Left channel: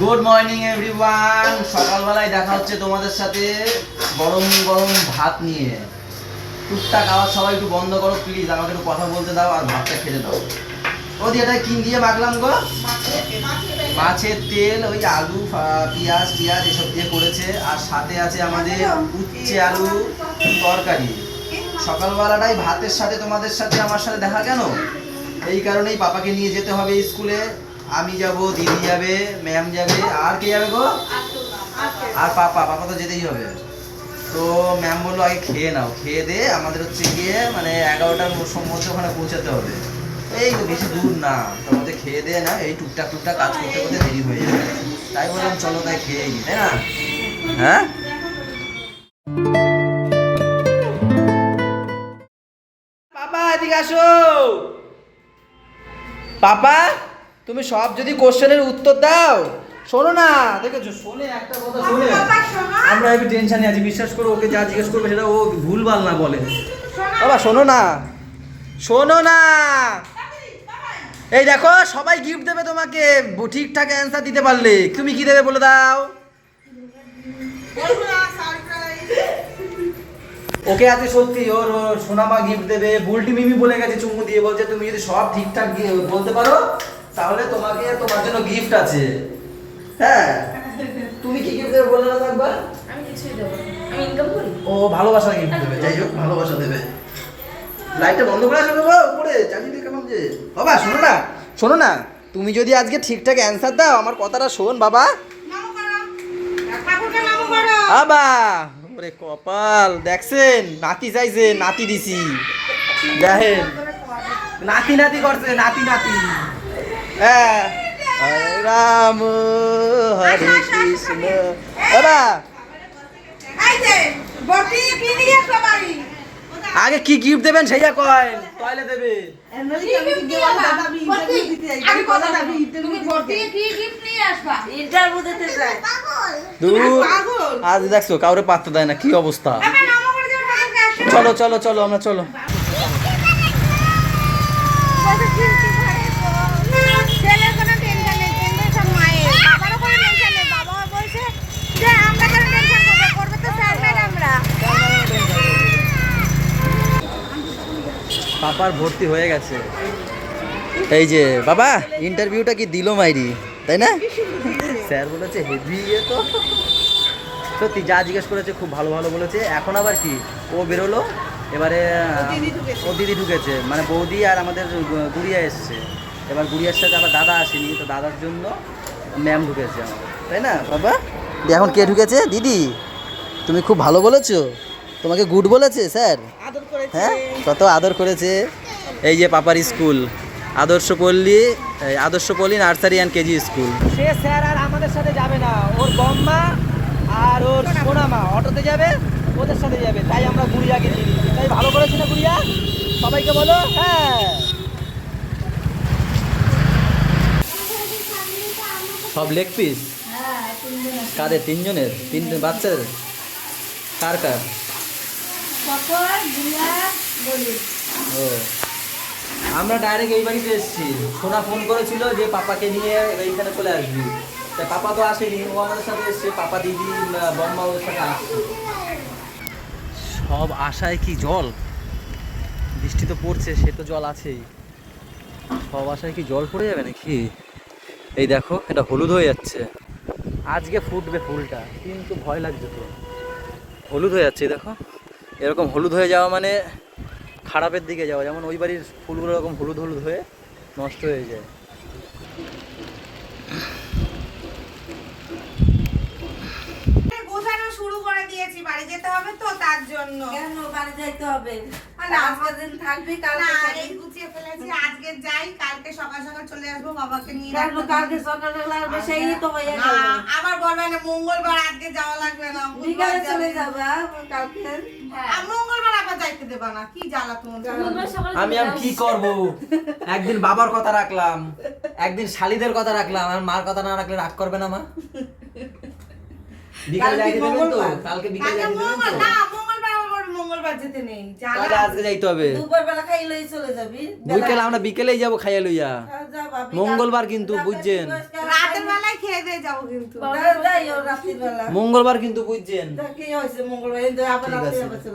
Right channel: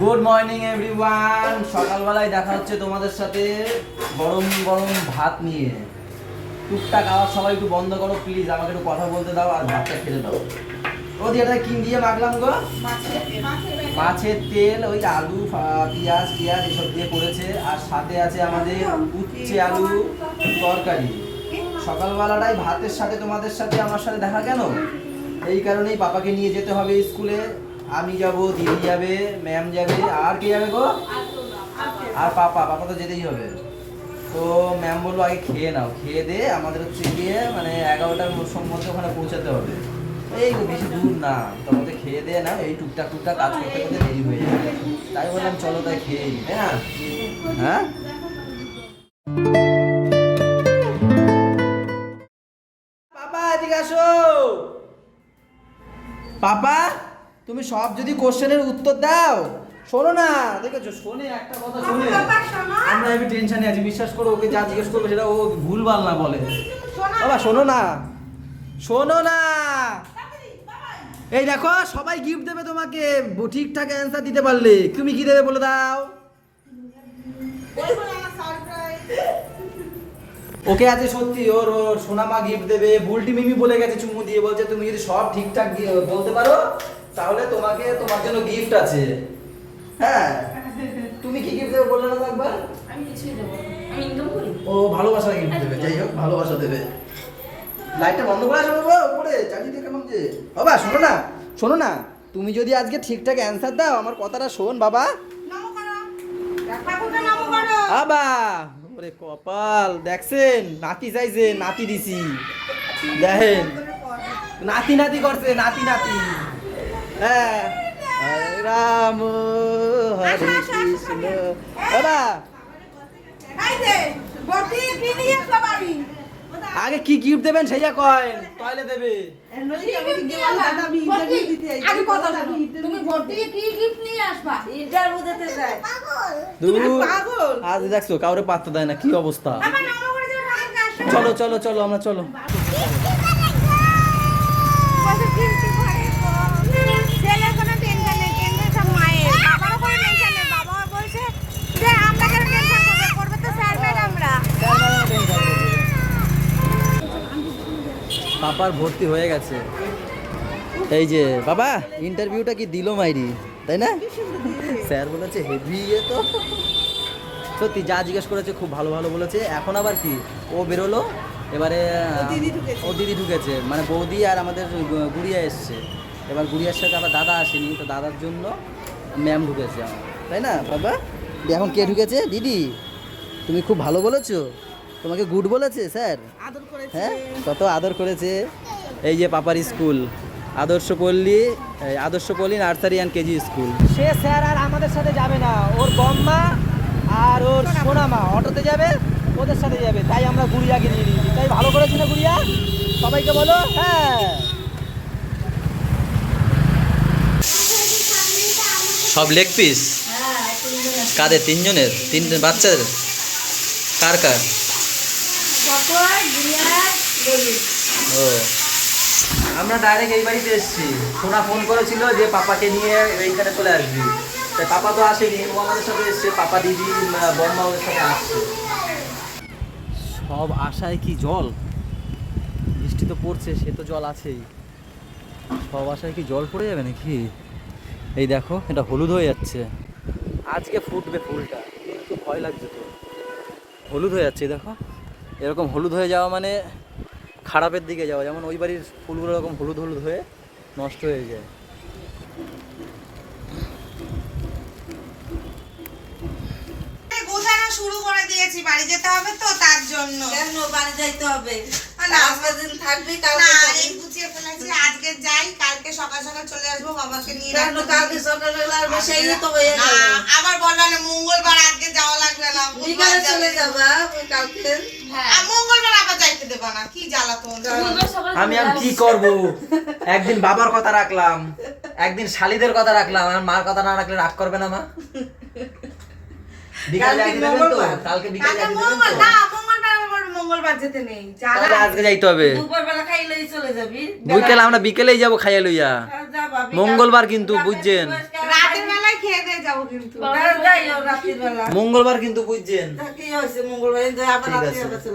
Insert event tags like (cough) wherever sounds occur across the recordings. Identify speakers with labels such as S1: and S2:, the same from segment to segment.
S1: Good morning everyone সকালবেলায় দেখা হচ্ছে তোমাদের সাথে গরম গরম ভাত নিয়ে। টুকটাক আওয়াজ সবাই একটু বন্ধ করো প্লিজ আমাকে একটু কথা বলতে দাও আর ভাতটা খেতে দাও। ও দিয়ে এটা কি দিয়ে মাখলাম গো? মাছের তেল, ওই আলু পেঁয়াজ, টিয়াজ এসব দিয়ে করেছে। আর সাথে আছে আমাদের উচ্ছে আলু তরকারি। সকালবেলাটাই ভাতের সাথে তোমাদের সাথে আমার সাথে দেখা কেন? এই কারণেই পাপাকে নিয়ে যেতে হবে স্কুলে। আমি যাব, দিদি যাবে, ম্যাম যাবে, আর কে যাবে গো? আর পাপা পাপা তো যেতেই হবে। তো ম্যাম বলল, আগে খেয়ে নাও, খেয়ে দে, আমাদের হচ্ছে গিয়ে মানে এগারোটার মধ্যে ওখানে পৌঁছাতে হবে। এই তো বেশি দূর না তোমাদের খেয়ে দে না, এই টুকটাক টুকটাক কাজ করতে করতে দেরি হয়ে যাবে। তাই বললাম, চলো তাই খেয়ে নি, তাই না? হ্যাঁ? পাপা, এদিকে আসো। পাপা? তুমি সব যদি কোশ্চেনের উত্তর দাও শোনো না দেখেছ? শোনে একটা কথা শোনে। আমরা একটু টেনশনে আছি বিশ্বাস করো ওকে যা জিজ্ঞেস করবে সেটা ও ভুলভাল না বলে। বাবা শোনো না। শোনো না। এই দেখো সবাই গিফট দেবে তোমাকে। ঠিকঠাক অ্যান্সার দিতে পারলে। তুমি কি দেবে বলে দাও? ওকে আজকে সত্যি ওর ওর সোনামা গিফট দেবে। বুলটি মিমি বলে গেছে চুমু দিয়ে বলছে তুমি যদি সব ঠিকঠাক বলতে পারো তাহলে তোমাকে তোমার জন্য গিফট আছে। হ্যাঁ? তুমি কি গিফট দেবে বলে না একবার?
S2: আমি কিছুই দেবো না। আমি ইনকাম করি?
S1: ও ভালোবাসা গিফট দেবে যাই হোক ভালোবাসা দেবে। লাইটটা বন্ধ করে আসবে বাবা উপরে চাকরি কেমন যে। বাবা শোনো না শোনো না তুমি যদি আজকে ঠিকঠাক অ্যান্সার দাও আমার কথাটা শোন বাবা। বাবা ওরে কপাল দেখছেন নাতি চাইছে নাতি দিছি। দেখেন নাতি নাতি করছে নাতি নাতি। হ্যাঁ রাম হরে কৃষ্ণ। বাবা। আগে কি গিফট দেবেন সেইটা কয়েন টয়লে দেবে।
S2: ইন্টারভিউ দিতে
S1: আজ দেখছ কাউরে পাত্তা দেয় না কি অবস্থা? চলো চলো চলো আমরা চলো। পাপার ভর্তি হয়ে গেছে। এই যে বাবা ইন্টারভিউটা কি দিল মাইরি তাই না? স্যার বলেছে হেভি ইয়ে তো। সত্যি যা জিজ্ঞেস করেছে খুব ভালো ভালো বলেছে। এখন আবার কি? ও বেরোলো এবারে ও দিদি ঢুকেছে। মানে বৌদি আর আমাদের গুড়িয়া এসছে। এবার গুড়িয়ার সাথে আবার দাদা আসেনি তো দাদার জন্য ম্যাম ঢুকেছে আমার। তাই না বাবা? এখন কে ঢুকেছে? দিদি। তুমি খুব ভালো বলেছ। তোমাকে গুড বলেছে স্যার। হ্যাঁ কত আদর করেছে। এই যে পাপার স্কুল আদর্শ পল্লী এই আদর্শ পল্লী নার্সারি অ্যান্ড কেজি স্কুল। সে স্যার আর আমাদের সাথে যাবে না। ওর বম্মা আর ওর সোনামা অটোতে যাবে ওদের সাথে যাবে। তাই আমরা গুড়িয়াকে নিয়ে তাই ভালো করেছি না গুড়িয়া? সবাইকে বলো হ্যাঁ। সব লেগ পিস কাদের? তিনজনের? তিন বাচ্চাদের? কার কার? ও আমরা ডাইরেক্ট এই বাড়িতে এসেছি। সোনা ফোন করেছিল যে পাপাকে নিয়ে এইখানে চলে আসবি। তাই পাপা তো আসেনি, ও আমাদের সাথে এসছে, পাপা দিদি বম্মা ওদের সাথে আসছে। সব আশায় কি জল? বৃষ্টি তো পড়ছে, সে তো জল আছেই। সব আশায় কি জল পড়ে যাবে নাকি? এই দেখো, এটা হলুদ হয়ে যাচ্ছে। আজকে ফুটবে ফুলটা, কিন্তু ভয় লাগছে তো। হলুদ হয়ে যাচ্ছে দেখো। এরকম হলুদ হয়ে যাওয়া মানে খারাপের দিকে যাওয়া। যেমন ওই বাড়ির ফুলগুলো এরকম হলুদ হলুদ হয়ে নষ্ট হয়ে যায়।
S3: গোছানো শুরু করে দিয়েছি বাড়ি যেতে হবে তো তার জন্য।
S2: কেন বাড়ি যাইতে হবে? দিন থাকবি কালকে
S3: গুছিয়ে ফেলেছি আজকে যাই কালকে সকাল সকাল চলে আসব বাবাকে নিয়ে
S2: কেন কালকে সকালে লাগবে সেই তো হয়ে গেল।
S3: আবার বলবে না মঙ্গলবার আজকে যাওয়া লাগবে না
S2: বিকালে চলে যাবা। কালকে।
S3: আর মঙ্গলবার আবার যাইতে দেবো না কি জ্বালা
S1: আমি আর কি করব? একদিন বাবার কথা রাখলাম একদিন শালিদের কথা রাখলাম আর মার কথা না রাখলে রাগ করবে না মা? বিকাল দেবেন তো?
S2: মঙ্গলবার।
S1: কালকে বিকাল
S3: কালকে
S1: দেবেন তো?
S3: না মঙ্গলবার আমার যেতে নেই।
S1: আজকে যাইতে হবে।
S2: চলে যাবি।
S1: বিকেলে আমরা বিকেলেই যাব খাইয়া লইয়া। মঙ্গলবার কিন্তু বুঝছেন
S3: রাতের বেলায় খেয়ে দিয়ে
S2: যাব কিন্তু।
S1: মঙ্গলবার কিন্তু বুঝছেন।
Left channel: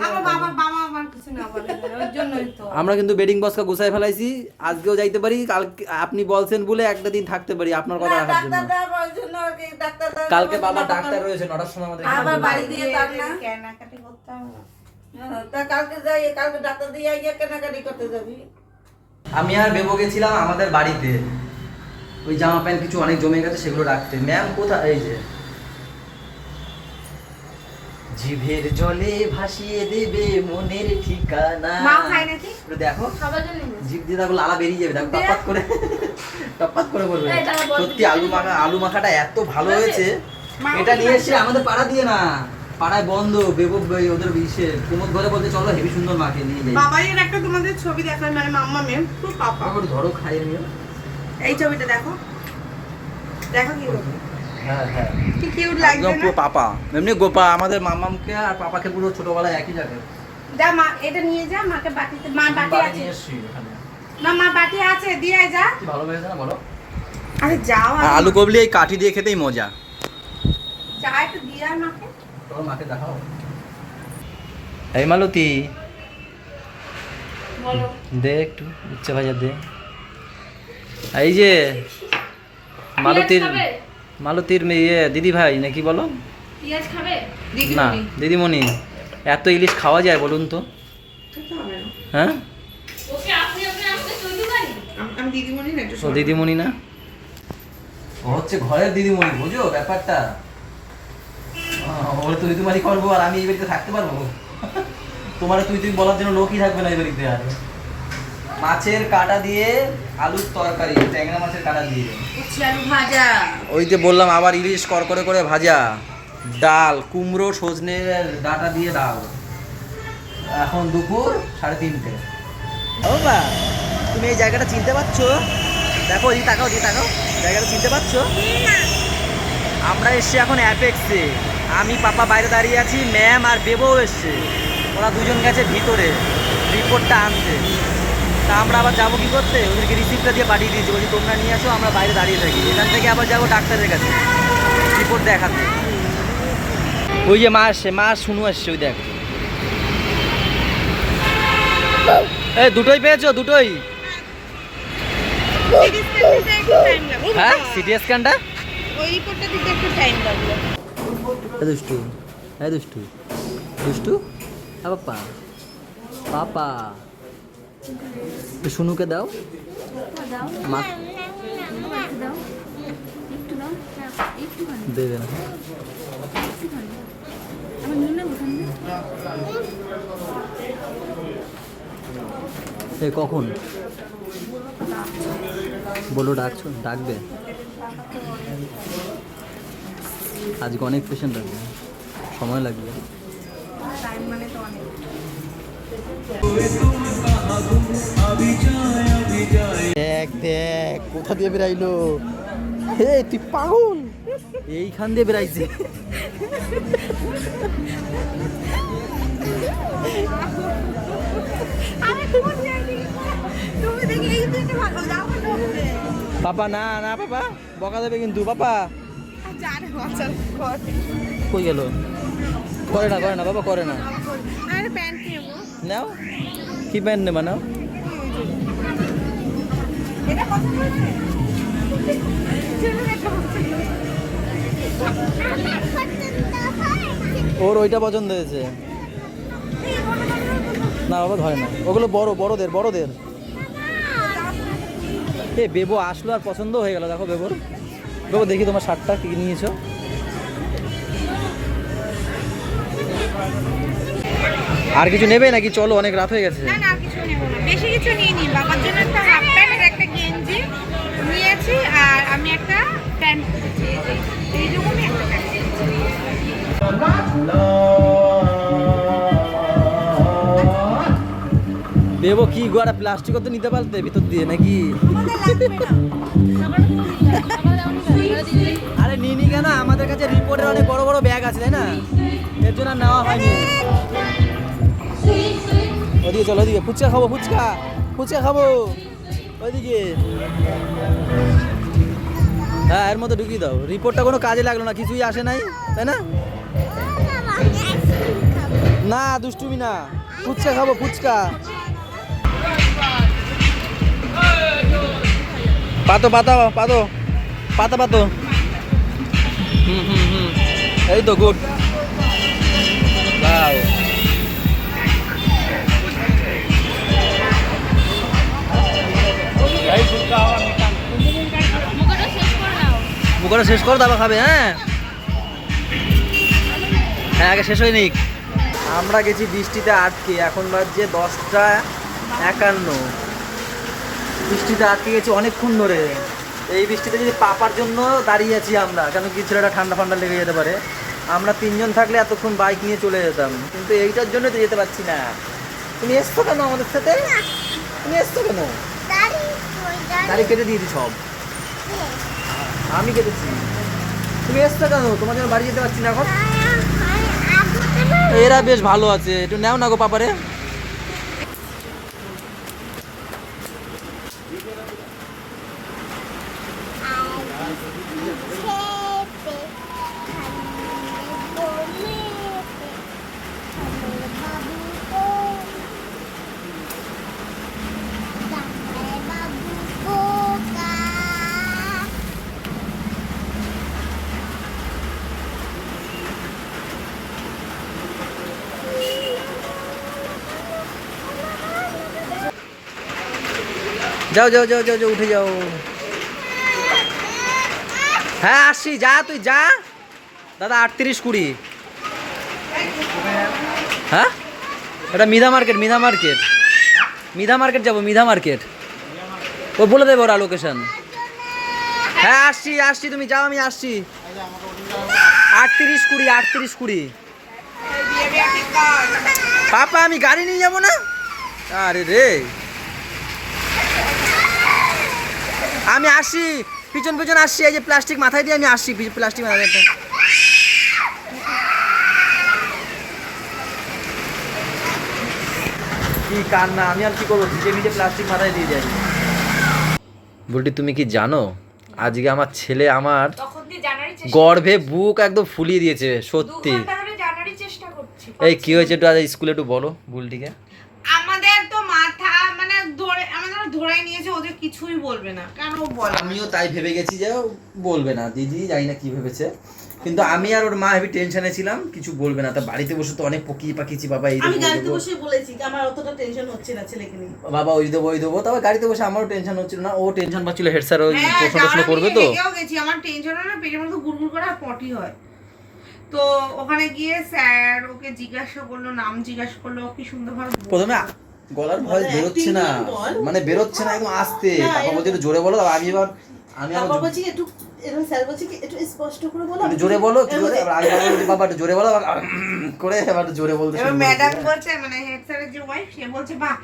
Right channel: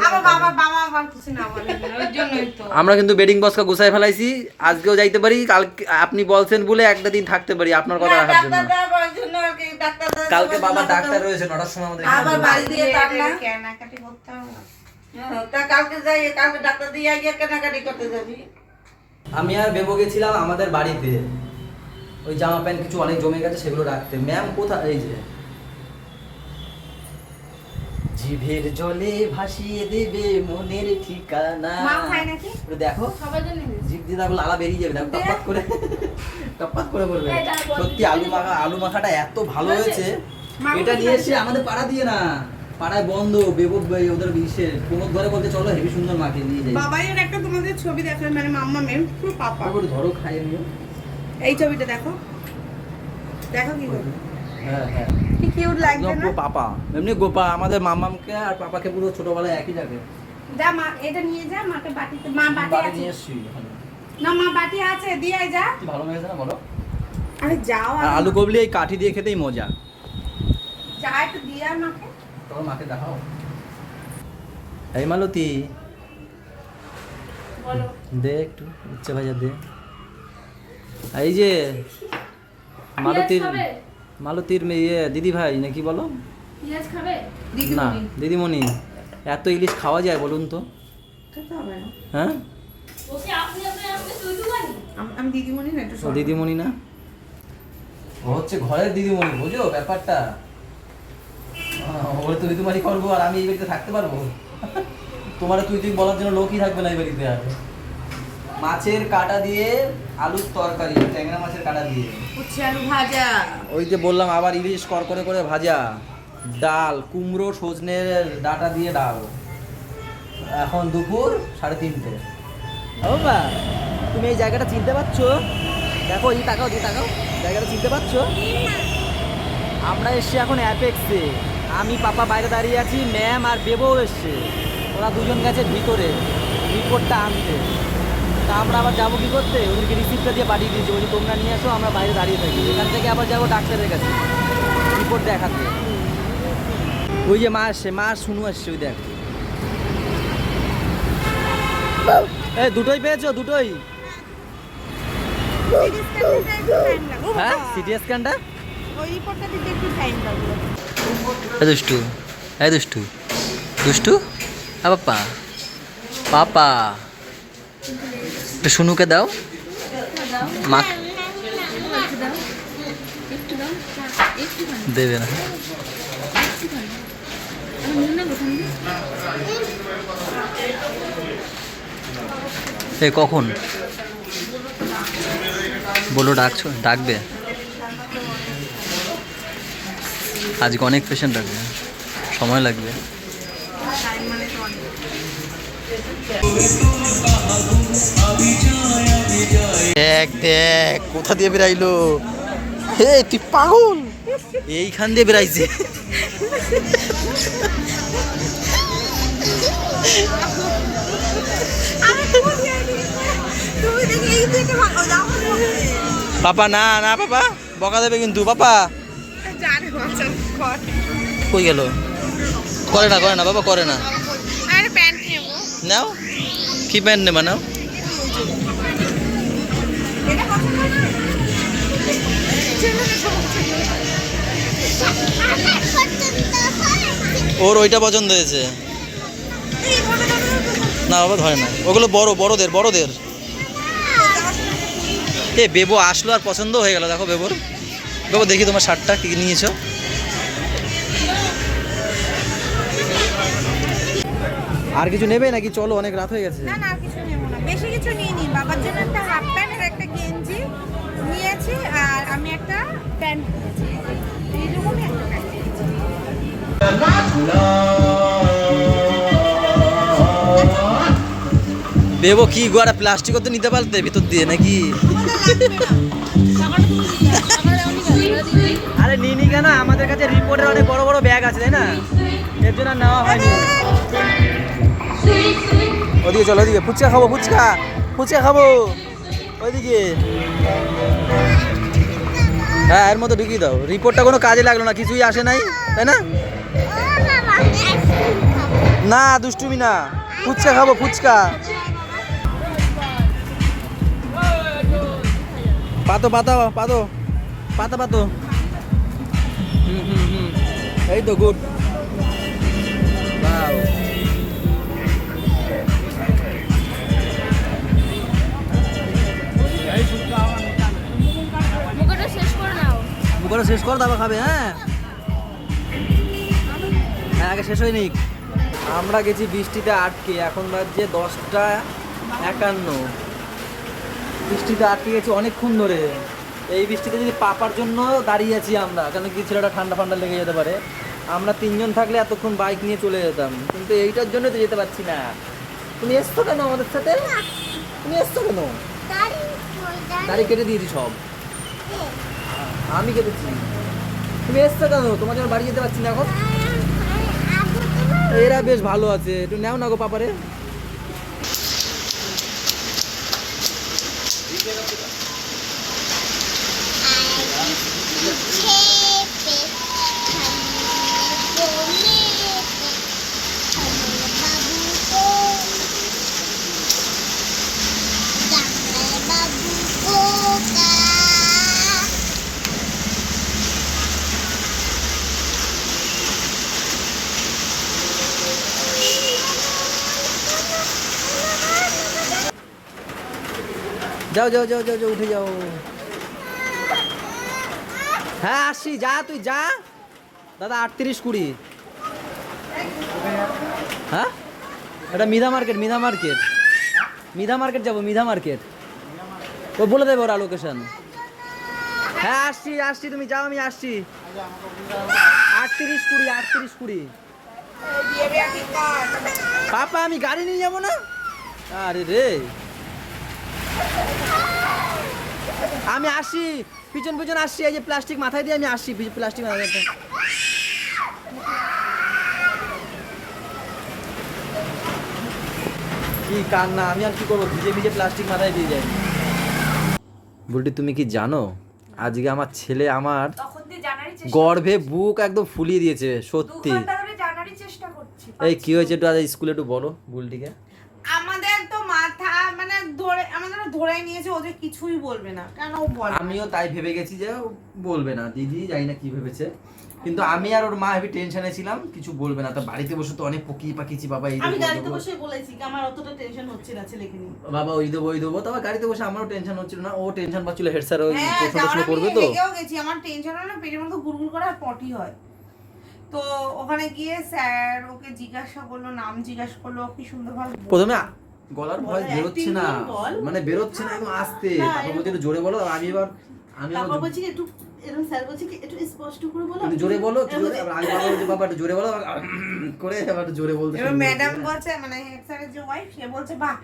S3: আমার বাবা বাবা আমার কিছু না বলে ওই জন্যই তো।
S1: আমরা কিন্তু বেডিং বক্সটা গুছাই ফেলাইছি। আজকেও যাইতে পারি কালকে আপনি বলছেন বলে একটা দিন থাকতে পারি আপনার কথা রাখার জন্য। কালকে বাবা
S2: ডাক্তার-
S1: রয়েছে নটার সময় আমাদের
S3: কেনাকাটি।
S2: হ্যাঁ, তা কালকে যাই কালকে ডাক্তার দিয়ে কেনাকাটি করতে যাবি।
S1: আমি আর বেবো গেছিলাম আমাদের বাড়িতে। ওই জামা প্যান্ট কিছু অনেক জমে গেছে সেগুলো রাখতে। ম্যাম কোথায়? এই যে। জিভের জলে ভাসিয়ে দেবে মনের ঠিকানা।
S4: মাও খায় নাকি?
S1: একটু দেখো।
S4: সবার জন্য
S1: জিভ দিয়ে দেখো লালা বেরিয়ে যাবে। দেখো টপাত করে। (laughs) টপাত করে বলবে। সত্যি আলু মাখা আলু মাখাটা এত ভালো হয়েছে? এটা নিয়ে এসে আমাদের পাড়া দিয়ে না। পাড়ায় বন্ধ বেবো বে- ওদের ইসে। কুমোদ ঘরে বলতে চলো হেভি সুন্দর মাকে নিয়ে যাই।
S3: বাবাইয়ের একটা তোমাদের ছবি দেখার মানে মাম্মা মেম পুরো পাপা।
S1: ধরো খাইয়ে নিও
S3: এই ছবিটা দেখো। দেখো কি
S1: হ্যাঁ হ্যাঁ।
S4: কি কিউট
S1: একদম
S4: না?
S1: পাপা। এমনি গোপা আমাদের মামামকে আর পাপাকে পুরো ছোটবেলায় একই লাগে
S4: যা মা এটা নিয়ে যা মাকে বাটিতে মা বাটি আছে।
S1: নিয়ে এসছি এখানে।
S4: মা মা বাটি আছে দিয়ে যা।
S1: ভালো লেগেছে না বলো?
S3: আরে যাও
S1: আলু কবলি এই কাঠি দিয়ে খেতেই মজা।
S4: যা একটু দিয়ে মাকে।
S1: চলো মাকে দেখাও। এই মালতী।
S4: বলো।
S1: দে একটু উচ্চে ভাজা দে। এই যে মালতীর? মালতীর মেয়ে দিদি ভাই নাকি বলো? না দিদিমণি। এত ইলিশ খাওয়া যায় বলুন তো। হ্যাঁ? ও দিদিমণি না? ও হচ্ছে ঘরের দিদিমণি বুঝো ব্যাপারটা। ওর তুই তোমারই করব আর আমি এই বাড়িতে থাকতে পারব। তোমার তুই তুই বলার জন্য লোকই থাকবে না এই বাড়িতে আর। মাছের কাটা দিয়ে আলুর তরকারি ট্যাংরা মাছের কাটা দিয়ে।
S2: ভাজা।
S1: ওই যে বললাম আবার ইলিশ করকরে করে ভাজা। ডাল কুমড়ো সজনের ডাটা দিয়ে ডাল। এখন দুপুর সাড়ে তিনটে। ও বা তুমি এই জায়গাটা চিনতে পারছ? দেখো এই তাকাও দিয়ে তাকাও। জায়গাটা চিনতে পারছ? আমরা এসছি এখন অ্যাপেক্সে। আমি পাপা বাইরে দাঁড়িয়ে আছি ম্যাম আর বেবও এসছে। ওরা দুজন গেছে ভিতরে। রিপোর্টটা আনতে। তা আমরা আবার যাব কি করতে? ওদেরকে রিসিপ্টটা দিয়ে পাঠিয়ে দিয়েছি। বলছি, তোমরা নিয়ে আসো, আমরা বাইরে দাঁড়িয়ে থাকি। এখান থেকে আবার যাব ডাক্তারের কাছে রিপোর্ট দেখাতে। ওই যে মা আসছে, মা শুনু আসছে, ওই দেখ। এই, দুটোই পেয়েছ? দুটোই? হ্যাঁ সিটি স্ক্যানটা? দুষ্টু, এই দুষ্টু দুষ্টু। হ্যাঁ পাপা পাপা শুনুকে দাও। মা দেবে না। এ, কখন? বলো, ডাকছো? ডাকবে? আজকে অনেক পেশেন্ট আসবে সময় লাগবে। দেখ দেখ কোথা দিয়ে বেরাইলো হে তুই পাগল। এইখান দিয়ে বেরাইছে
S4: যাও
S1: পাপা না না পাপা বকা দেবে কিন্তু পাপা। কই গেল? করে না করে না বাবা করে না। নাও কি প্যান্ট নেবা নাও। ওর ওইটা পছন্দ হয়েছে। না, বাবা ধরে না। ওগুলো বড়, বড়দের বড়দের। এ, বেবো আসলো আর পছন্দ হয়ে গেল। দেখো বেবোর। বেবো, দেখি তোমার শার্টটা কি নিয়েছো। আর কিছু নেবে নাকি? চলো, অনেক রাত হয়ে গেছে।
S4: না না কিছু নেব না। বেশি কিছু নিয়ে নি বাবার জন্য একটা হাফ প্যান্ট নিয়েছি আর আমি একটা প্যান্ট কিনেছি। এইরকমই একটা প্যান্ট
S1: বেবো কি গোয়ারা প্লাস্টিকও তো নিতে পারতে ভিতর দিয়ে নাকি? আরে নিনি কেন? আমাদের কাছে রিপোর্টের অনেক বড় বড় ব্যাগ আছে তাই না? এর জন্য আর নেওয়া হয়নি। ওদিকে চলো ওদিকে। ফুচকা খাব ফুচকা। ফুচকা খাব। ওইদিকে। হ্যাঁ এর মধ্যে ঢুকিয়ে দাও। রিপোর্টটা কোনো কাজে লাগল না, কিছুই আসে নাই, তাই না? না, দুষ্টুমি না। ফুচকা খাব, ফুচকা। পাতো, পাতা পাতো পাতা, পাতো। হুম হুম হুম। এই তো গুড বাও মুখটা শেষ করো তারপর খাবে হ্যাঁ? হ্যাঁ আগে শেষ হয়নি আমরা গেছি বৃষ্টিতে আটকে এখন বাজছে দশটা একান্ন। বৃষ্টিতে আটকে গেছি অনেকক্ষণ ধরে। এই বৃষ্টিতে যদি পাপার জন্য দাঁড়িয়ে আছি আমরা কেন কি ছেলেটা ঠান্ডা ফান্ডা লেগে যেতে পারে? আমরা তিনজন থাকলে এতক্ষণ বাইক নিয়ে চলে যেতাম কিন্তু এইটার জন্য তো যেতে পারছি না। তুমি এসছো কেন আমাদের সাথে? তুমি এসছো কেন? দাড়ি কেটে দিয়েছি সব। আমি কেটেছি তুমি এসছো কেন? তোমার জন্য বাড়ি যেতে পারছি না এখন। এরা বেশ ভালো আছে। একটু নেও না গো পাপারে। যাও যাও যাও যাও যাও, উঠে যাও। হ্যাঁ আসছি, যা তুই, যা। দাদা, আটত্রিশ কুড়ি। হ্যাঁ? এটা Midha market Midha market. Midha market যাব, মিধা মার্কেট। ও, বলে দেবো ওরা লোকেশন হ্যাঁ আসছি আসছি তুমি, যাও, আমি আসছি। আটত্রিশ কুড়ি আটত্রিশ কুড়ি। পাপা, আমি গাড়ি নিয়ে যাব না? আরে রে। আমি আসি পিছন পিছন আসছি এই যে প্লাস্টিক মাথায় দিয়ে আমি আসছি প্লাস্টিক মাথায় দিয়ে। কি কান্না আমি আর কি করব? ভিজে ভিজে প্লাস্টিক মাথায় দিয়ে যাই। বলটি তুমি কি জানো? আজকে আমার ছেলে আমার গর্ভে বুক একদম ফুলিয়ে দিয়েছে সত্যি। এই কি হয়েছে একটু আজ স্কুলে একটু বলো বুলটিকে
S3: আমাদের তো মাথা মানে ধরে আমাদের ধরে নিয়েছে ওদের কিছুই বলবে না। কেন বলে
S1: আমিও তাই ভেবে গেছি যে বলবে না। দিদি জানি না কি ভেবেছে। কিন্তু আমি আর ওর মা হেবি টেনশনে ছিলাম কিছু বলবে না। তা বাড়িতে বসে তো অনেক পকি পাকিছি বাবা এই
S2: আমি গাড়িতে বসে বলেছি কি আমার অতটা টেনশন হচ্ছে না ছেলেকে নিয়ে।
S1: বাবা ওই দেবো ওই দেবো। তারপর গাড়িতে বসে আমারও টেনশন হচ্ছিল না। ও টেনশন পাচ্ছিল হেড স্যার ওই
S3: হ্যাঁ,
S1: প্রশ্ন প্রশ্ন করবে তো?
S3: রেগেও গেছি। আমার টেনশন হলে পেটের মধ্যে গুড়গুড় করে আর পটি হয়। তো ওখানে গিয়ে স্যার ওকে জিজ্ঞাসা করল নাম জিজ্ঞাসা করল ও কি সুন্দরভাবে।
S1: প্রথমে গলার ভয়েস বেরোচ্ছে না। মানে বেরোচ্ছে না একদম আস্তে। বলছে একটু জোরে বলো। আমি এবার আমি
S2: বলছি একটু এরকম স্যার বলছে কি একটু স্পষ্ট করে বলো।
S1: জোরে বলো একটু জোরে এবার আমি বলছি বাবা একটু জোরে বলো। করে এবার একটু জোরে বলতে
S3: এবার ম্যাডাম বলছে মানে হেড স্যারের যে ওয়াইফ সে বলছে বাহ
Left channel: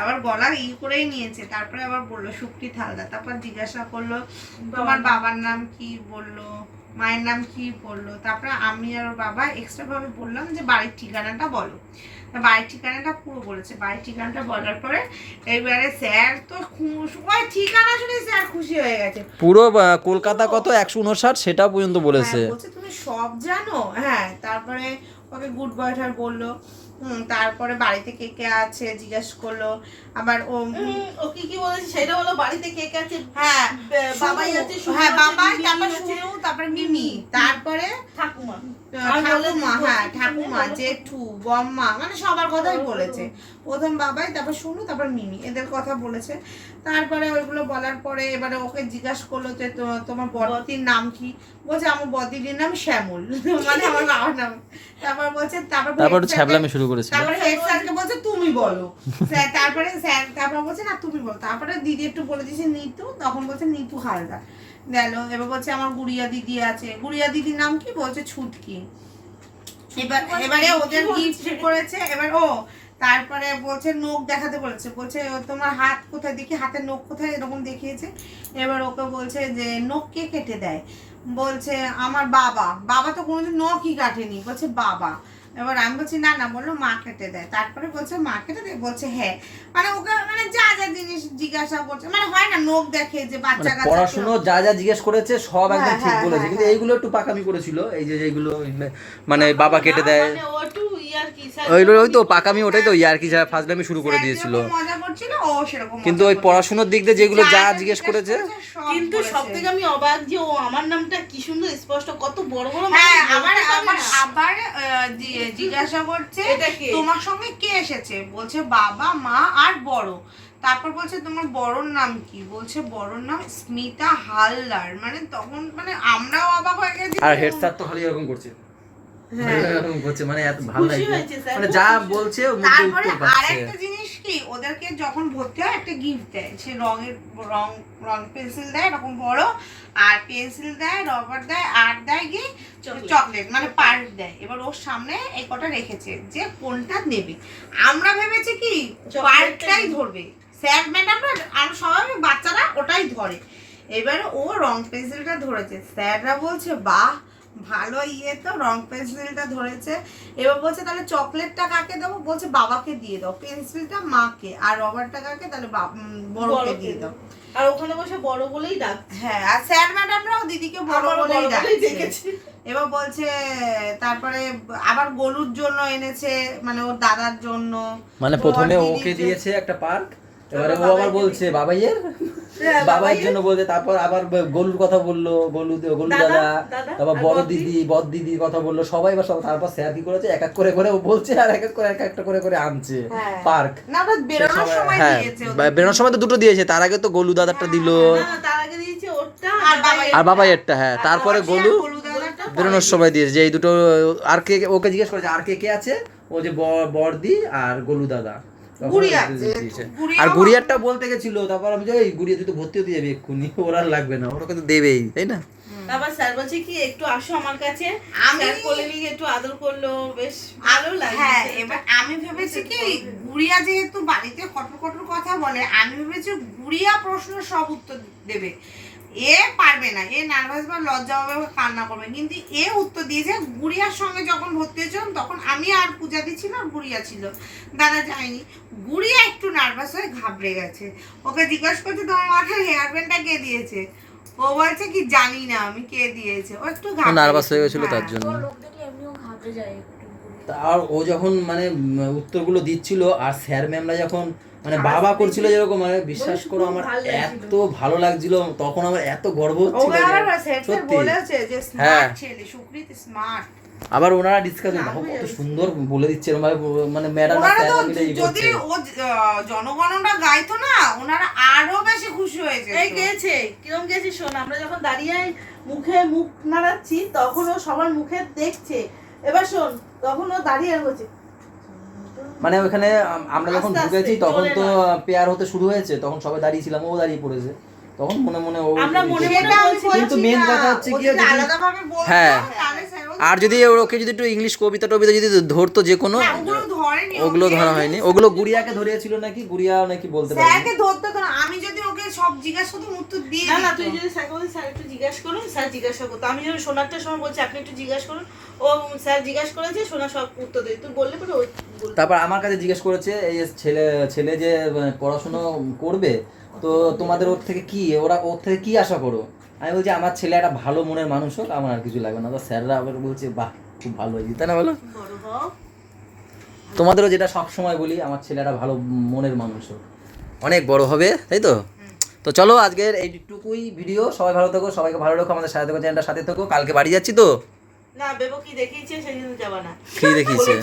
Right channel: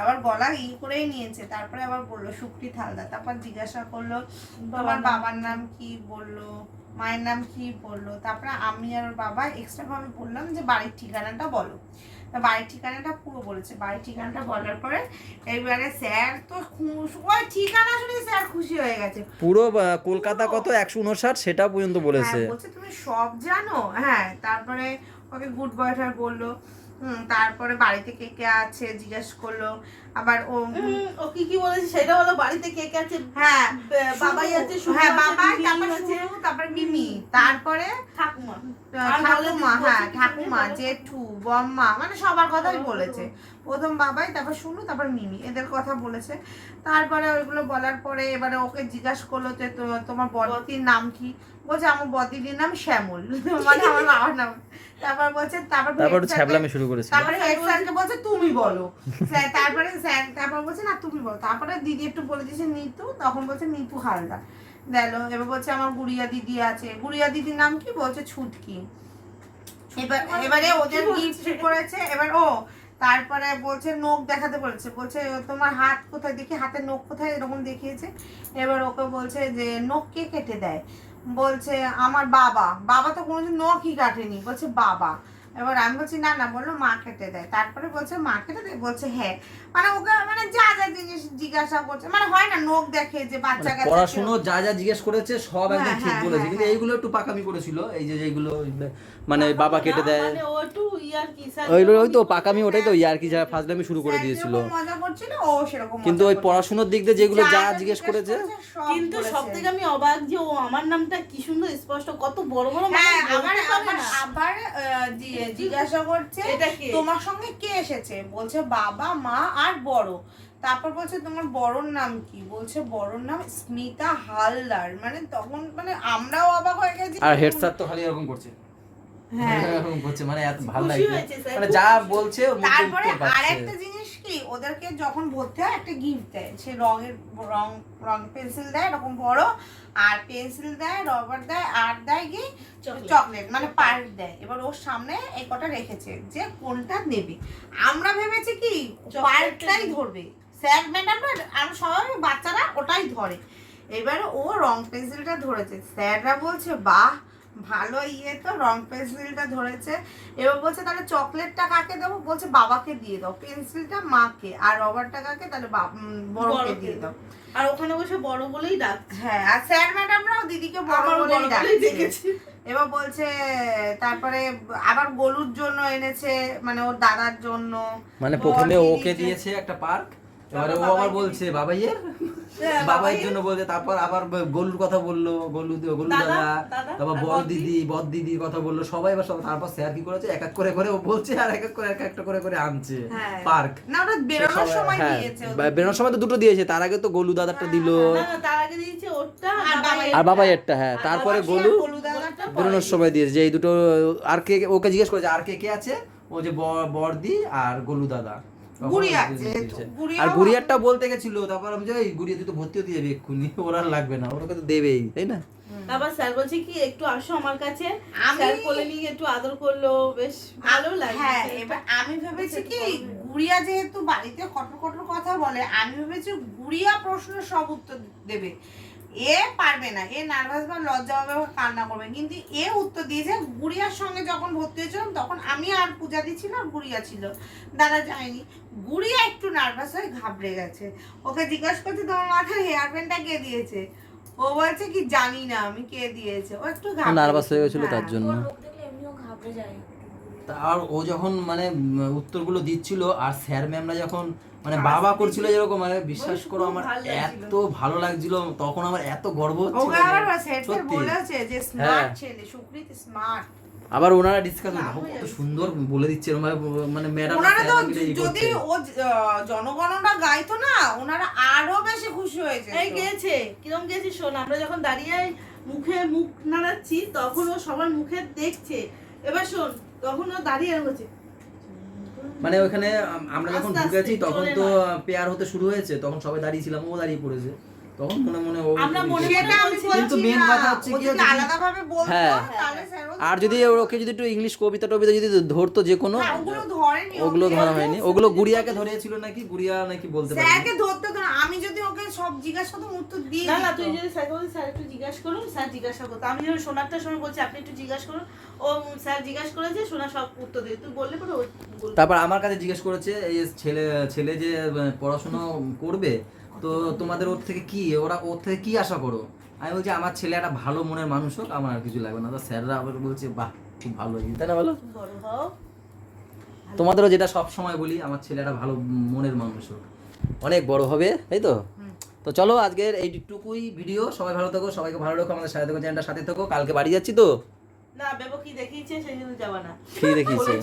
S3: আবার গলা ই করেই নিয়েছে। তারপরে আবার বলল শুক্তি থালদার তারপর জিজ্ঞাসা করল তোমার বাবার নাম কি? বলল মায়ের নাম কি বলল? তারপরে আমি আর ওর বাবা এক্সট্রা ভাবে বললাম যে বাড়ির ঠিকানাটা বলো। বাড়ির ঠিকানাটা পুরো বলেছে। বাড়ির ঠিকানাটা বলার পরে এবারে স্যার তো ওই ঠিকানা শুনে স্যার খুশি হয়ে গেছে।
S1: পুরো কলকাতা কত? একশো উনষাট সেটা পর্যন্ত বলেছে।
S3: হ্যাঁ, বলছে তুমি সব জানো? হ্যাঁ তারপরে ওকে গুড বয়টার বলল। হুম তারপরে বাড়িতে কে কে আছে জিজ্ঞেস করল। আবার ও
S2: ও কি কি বলেছে সেটা হলো বাড়িতে কে কে আছে
S3: হ্যাঁ
S2: বাবাই আছে
S3: হ্যাঁ বাবাই তারপর তারপরে মিমি তারপরে
S2: ঠাকুমা।
S3: হ্যাঁ ঠাকুমা জেঠু বম্মা মানে সবার কথাই বলেছে। প্রথম বাবাই তারপর শুনু তারপর মিমি এদের কথা বলেছে। তারপরে ওইগুলো বলার পরে এবারে ওকে জিজ্ঞাসা করল যে তোমার বড়তির নাম কি? বলছে আমার বদির নাম শ্যামল। (laughs) মানে আমার বাবার নাম। তারপর বলছে তারপর
S1: তারপর ছ্যাবলামি শুরু করেছিল।
S3: তারপরে হেড স্যারকে বলছে তুমি বলো। (laughs) তারপরে স্যার তারপর বলছে না তুমি বলো। তারপরে দিদি একটু বলে দিয়েছে নিতু। তখন বলছে নিতু হালদার গেল এবার বলছে আমার গুড়িয়া দিদি আছে। গুড়িয়া দিদির নাম কি? বলছে ছুটকি এবার এবারে ওদের গিফট করেছে এবার ও তারপরে বলছে নখ দেখাতে বলেছে। বলছে তোমার হাত কোথায়? দেখি হাতের নখ কোথায়? এরকম দেখিয়েছে। এবার ওকে বলছে যে নখ কে কেটে দেয়? বলছে আমার বাবা। বাবা তো কোনোদিন নখই কাটেনি। বলছে বাবা। এবার আমি বলছি না না বলল মা কেটে দেয়। তারপরে বলছে মা কেটে দেয়? বলছে হ্যাঁ। মানে ওকে মানে যা যা জিনিস জিজ্ঞাসা করছে মানে হয় না নোখ দেখে যে বাচ্চা
S1: মানে
S3: কাচ্চা
S1: পড়াশুনো যা যা জিজ্ঞেস করেছে সব একদম
S3: হ্যাঁ,
S1: ঠিক
S3: হ্যাঁ,
S1: বলেছে।
S3: হ্যাঁ,
S1: কিন্তু এইগুলো একটু পাকামি করেছিল। এই যে যেগুলো মানে বাবা কেটে দেয়।
S2: মানে ও একটু ইয়ার কি স্যার
S1: ওইগুলো ওই তো পাকামি ওটাই তো ইয়ার কি যা ফাজলামি শুরু করে দিয়েছিল।
S3: মজা করছিল ও সেরকম
S1: কিন্তু ওই পড়াশোনার দিক দিয়ে যেগুলো যা জিজ্ঞেস করেছে।
S2: কিন্তু
S3: বলেছে।
S2: সব থেকে আমি অবাক যে ও আমার নামটা কি সুন্দর স্পষ্ট কত বড় বড়
S3: হ্যাঁ আবার
S2: পারে
S3: আবার
S2: না।
S3: জিজ্ঞাসা করছে তোমার সঙ্গে কে এসেছে? বলছে বাবা মা আর বড়। তারপর বলছে তোমার বড়র নাম কি? বলছে বড়র নাম স্মিতা হালদার। মানে তখন মানে আমরাও অবাক হয়ে গেছি।
S1: আর হেড স্যার তো খালি এরকম করছে।
S3: হ্যাঁ।
S1: মানে এত ভালো লাগছে। মানে যা বলছে
S3: তারপরে
S1: উত্তর পাচ্ছে।
S3: আরেকটা জিনিস কি ওদেরকে যখন ভর্তি হয় একটা গিফট দেয়। সে রঙের রং রং পেন্সিল দেয় এরকম বড় আর পেন্সিল দেয় রবার দেয় আর দেয় কি?
S2: Chocolate.
S3: চকলেট মানে পার্ক দেয়। এবার ওর সামনে এই কটা রেখেছে যে কোনটা নেবে। আমরা ভেবেছি কি পার্কটাই ধরবে। স্যার ম্যাডামরা আমরা সবাই বাচ্চারা ওটাই ধরে। এবারে ও রং পেন্সিলটা ধরেছে। স্যাররা বলছে বাহ ভালো ইয়ে তো রং পেন্সিলটা ধরেছে। এবার বলছে তাহলে চকলেটটা কাকে দেবো? বলছে বাবাকে দিয়ে দাও। পেন্সিলটা মাকে আর রবারটা কাকে? তাহলে বড়কে দিয়ে দাও।
S2: আর ওখানে বসে বড় বলেই ডাক
S3: হ্যাঁ আর স্যার ম্যাডামরাও দিদিকে বড় বলেই ডাকছে। এবার বলছে তারপরে আবার গলুর জন্য এনেছে মানে ওর দাদার জন্য।
S1: মানে প্রথমে ওকে দিয়েছে একটা পার্ক এবারে ও আবার বলছে বাবাইয়ের?
S2: হ্যাঁ,
S1: বাবাইয়ের। জন্য বলছে তারপর আবার ব- গলুর কথা বলল গলু গলু
S2: দাদা,
S1: তারপর
S2: আর
S1: বড় দিদি বড় দিদির কথা বলল সবাই এবার সব তারপর স্যার কি করেছে? এক এক করে করে ও বলছে আর এক এক করে এক একটা করে করে আনছে।
S3: হ্যাঁ।
S1: পার্ক।
S3: না ওটা বেরোনোর সময়
S1: হ্যাঁ
S3: দিয়েছে
S1: বেরোনোর সময় তো দুটো দিয়েছে তার আগে তো গলু দাদারটা দিল।
S2: তার আগে দিয়েছে ওরটা
S3: আর বাবাইয়ের।
S1: আর বাবাইয়েরটা হ্যাঁ তারপরে গলু
S3: দাদাটা
S1: বেরোনোর সময় দিয়েছে যে এই দুটো আর কে ওকে জিজ্ঞেস করেছে আর কে কে আছে? ও যে ব- বড়দি আর গলু দাদা। আর গুড়িয়ারটা বলতে গেছিল তারপর আমি গুড়িয়া তুই তো ভর্তি হতে যাবি এক্ষুনি ওর আর লাগবে না ওরা কিন্তু দেবেই তাই না?
S2: তারপর স্যার বলছে কি একটু আসো আমার কাছে।
S3: আমি-
S2: স্যার কোলে নিয়ে একটু আদর করল বেশ ভালো লাগে
S3: হ্যাঁ এবার আমি ভেবেছি কি গুড়িয়া যেহেতু বাড়িতে কটর কটর কথা বলে আমি ভেবেছি গুড়িয়া প্রশ্ন সব উত্তর দেবে। এ পারবে না এ নার্ভাস বা লজ্জা হবে বা কান্না করবে। কিন্তু এ উত্তর দিয়েছে গুড়িয়ার সঙ্গে যখন ভর্তি হয়েছিলাম তখন আমি আর পূজা দিচ্ছিল আর গুড়িয়া ছিল। দাদা যায়নি। গুড়িয়া একটু নার্ভাস হয়ে ঘাবড়ে গেছে। ওকে জিজ্ঞাসা করছে তোমার মাথায় হেয়ার ব্যান্ডটা কে দিয়েছে? ও বলছে কি জানি না আমি কে দিয়েছে? ও একটু
S1: নার্ভাস হয়ে গেছিল
S3: হ্যাঁ।
S1: তার জন্য তা আর ও যখন মানে উত্তরগুলো দিচ্ছিল আর স্যার ম্যামরা যখন মানে বাবা করছিল যেরকম মানে বিশ্বাস করো আমার এত ভালো লাগছিল তখন আমার এত গর্ব হচ্ছিল
S3: আবার
S1: সত্যি। হ্যাঁ।
S3: স্মার্ট ছেলে সুকৃত স্মার্ট
S1: আবার ওনারা ডিসকাস দেখো কত সুন্দর বলে দিচ্ছে এরকম মানে ম্যাডাম
S3: ওনারা যদি ও আহ, জনগণনা গাইতো না ওনারা আরও বেশি খুশি হয়েছে
S2: এই গেছে কিরম গেছে শোন আমরা যখন দাঁড়িয়ে মুখে মুখ নাড়াচ্ছি তখন ও সবার মুখে দেখছে। এবার শোন তখন ও দাঁড়িয়ে হচ্ছে
S1: মানে ওখানে আমরা যখন ঢুকেছি তখন তো। পেয়ার হতে শুরু হয়েছে তখন সবাই দাঁড়িয়েছিলাম ও দাঁড়িয়ে পড়েছে তখন মনে মনে ও
S2: মনে
S1: কিন্তু
S3: মেন
S1: কথা হচ্ছে কি হ্যাঁ। আর যদি ওকে যদি একটু ইংলিশ কবিতা টবিতা যদি ধরতো যে কোনো
S3: হ্যাঁ, ধরেনি
S1: ওগুলো ধরা হয়নি। ওগুলো গুড়িয়াকে ধরিয়েছিল নাকি? গুড়িয়া নাকি বলতে পারি
S3: স্যারকে ধরতে তো আমি যদি ওকে সব জিজ্ঞাসা করতাম উত্তর দিয়ে
S2: না না তুই যদি স্যারকে বলিস স্যার একটু জিজ্ঞাসা করুন স্যার জিজ্ঞাসা করতো। আমি যখন সোনারটার সময় বলছি আপনি একটু জিজ্ঞাসা করুন। ও স্যার জিজ্ঞাসা করেছে সোনা সব উত্তর দেয়। তুই বললে পরে ওই
S1: তারপর আমার কাছে জিজ্ঞেস করেছে এই ছেলে ছেলে যে আহ, পড়াশুনো করবে তো তোমাদের ওর থেকে কি? ওরা ওর থেকে কি আশা করো? আমি বলছি আমার ছেলে একটা ভালো মনের মানুষ হোক আমার আর কিছু লাগবে না। তো স্যাররা আবার বলছে বাহ খুব ভালো হয়েছে। তাই না বলো?
S2: বড় হও।
S1: তোমাদেরও যেটা সব সময় বলি আমার ছেলে একটা ভালো মনের মানুষ হোক। অনেক বড় হবে তাই তো? তো চলো আজকের এইটুকুই ভিডিও সবাই ভালো থাকো সবাইকে ভালো রাখো আমাদের সাথে থাকো চ্যানেলটা সাথে থাকো। কালকে বাড়ি যাচ্ছি তো?
S2: না বেবো কি দেখিয়েছে? সেই যাবা না।
S1: কি দেখিয়েছে?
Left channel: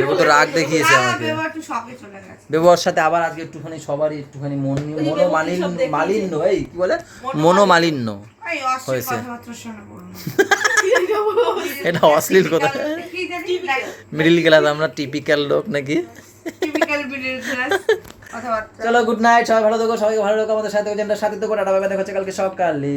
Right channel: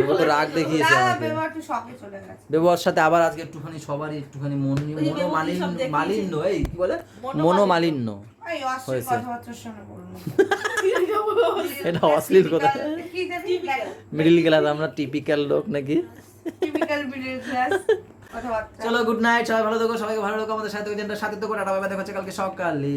S1: দেবো তো রাগ দেখিয়েছে আমাকে।
S3: বেবা একটু শখে চলে গেছে।
S1: ব্যবহার সাথে আবার আজকে একটুখানি সবারই একটুখানি মন মনো মালিন্য মালিন্য এই কি বলে?
S2: মনোমালিন্য।
S1: হয়েছে।
S3: শোনা। (laughs) (laughs)
S1: এটা অশ্লীল কথা। মিডিল ক্লাস আমরা টিপিক্যাল লোক নাকি?
S3: টিপিক্যাল মিডল ক্লাস কথাবার্তা।
S1: চলো গুড নাইট সবাই ভালো থাকো সবাইকে ভালো থাকো আমাদের সাথে সাথে তো বাই দেখা হচ্ছে কালকে সকালে।